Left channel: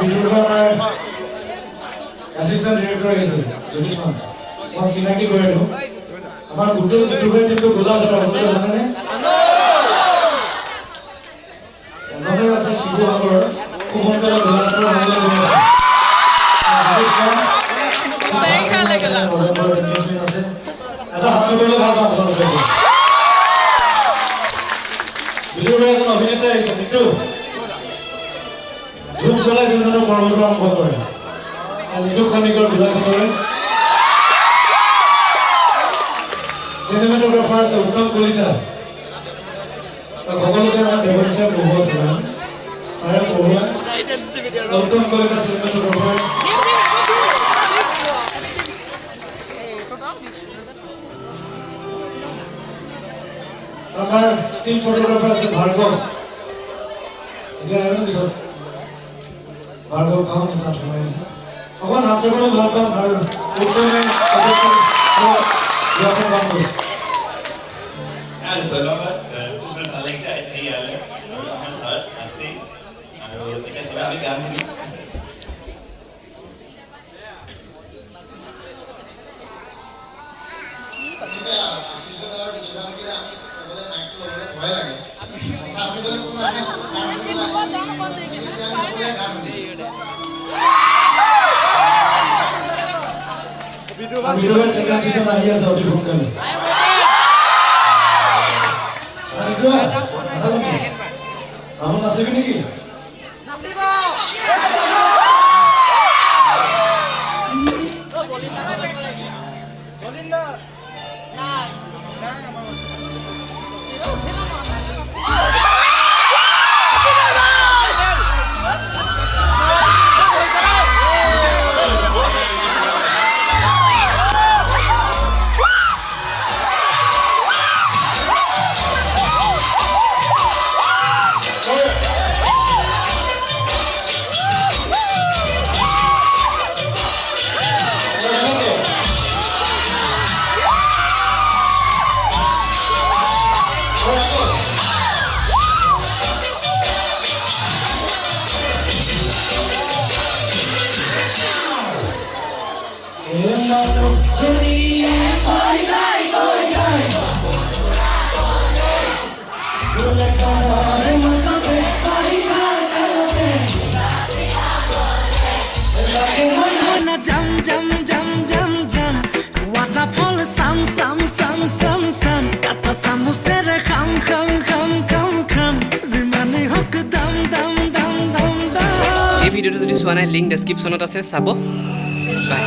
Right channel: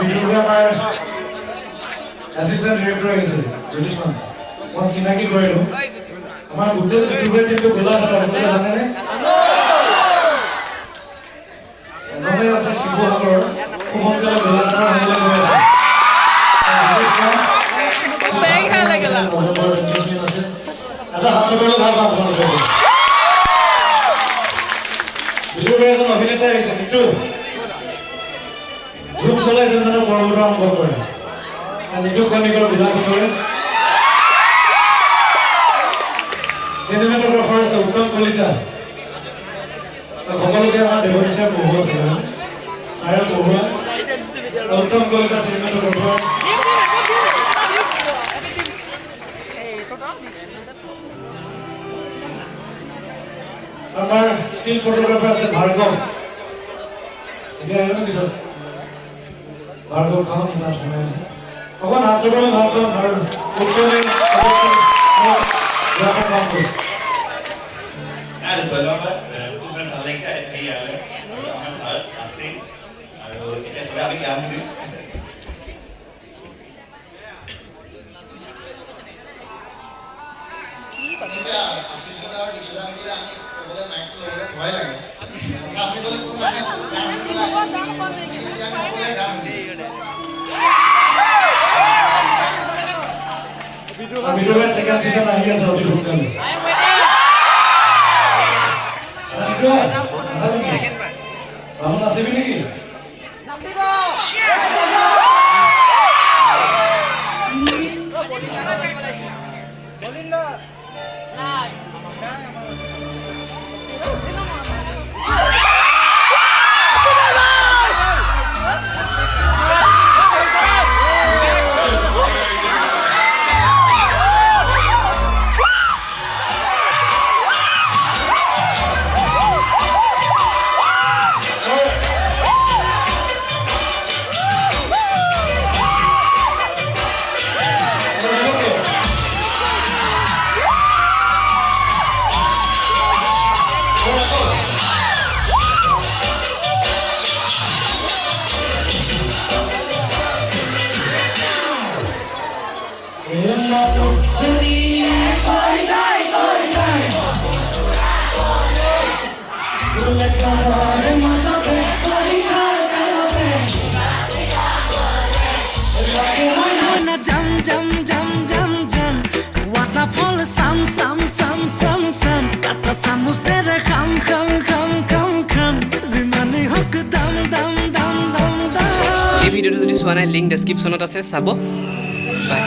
বিদুৰভাই আমাৰ assistant director আহিছে জ্যোতিষমান মই চিনাকি কৰিলোঁ আমাৰ গোটেই বিদুৰভাই টিমটো গোলাঘাটৰ সকলোৱে জানেনে এজনেই আছে শিৱসাগৰৰ খুব সোনকালে গোলাঘাটৰ হ'বলৈ গৈ আছে এটা হাত চপালে ভাল পাম আপোনালোকে বিদুৰভাই এজন অভিনেতা আহিছে কিন্তু ধূপ জ্বলাই যোনজনে পৰম্পৰা আৰম্ভ কৰে নিদু খনিকৰ গোলাঘাটৰে চিনেমেটোগ্ৰাফাৰ আছে উত্তম কলিতা সকলোকে আমাৰ দেৱজিছে পঢ়ুৱা আছে ছাৰে পঢ়ুৱা উত্তম কলিতা চিনেমেটোগ্ৰাফাৰ আমাৰ ষ্টিল ফটোগ্ৰাফাৰ আছে ভাৰ্গৱ এতিয়া আহিব পিছত ভাৰ্গৱ খাওঁ তাত সোমাই আছে অকণ হাত চাবলৈ ভাল পাম আৰু উত্তমে কাম কৰিছে ধন্যবাদ খুব ভাল লাগিছে ইয়ালে আমাৰ ছাৰ আছে আৰু এতিয়া সবে আমি গান শুনিম বিদুৰভাই ছেকেণ্ড চিজন আহি আছে অতি সোনকালে আমি নাচিবি নেকি Jam jam jam jam jam waterfall sam sam sam sam sam kata samusera kham kham kham kham kham zimane hok dam dam dam dam dam এই ভিডিওটো যদি চোৱা নাই লিংক ডেছক্ৰিপশ্যনত আছে চাব বাই